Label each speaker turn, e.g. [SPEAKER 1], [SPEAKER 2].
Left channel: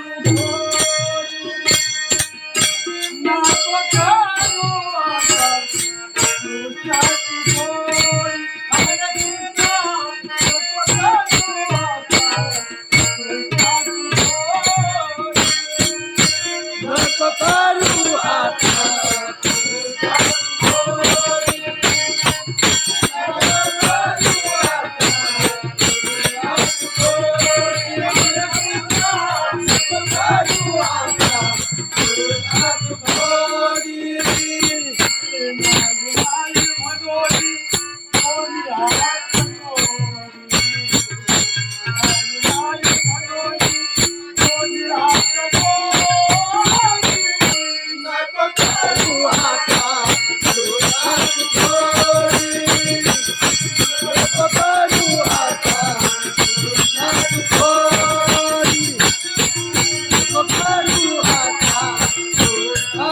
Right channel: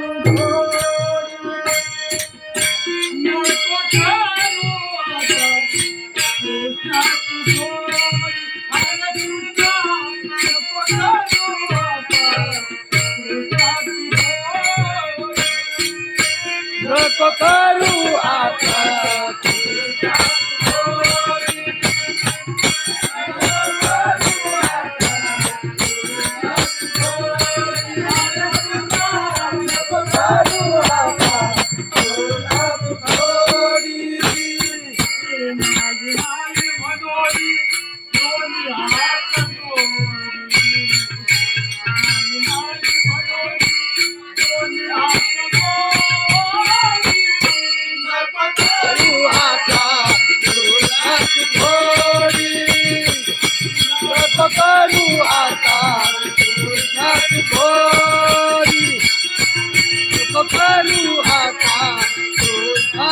[SPEAKER 1] नको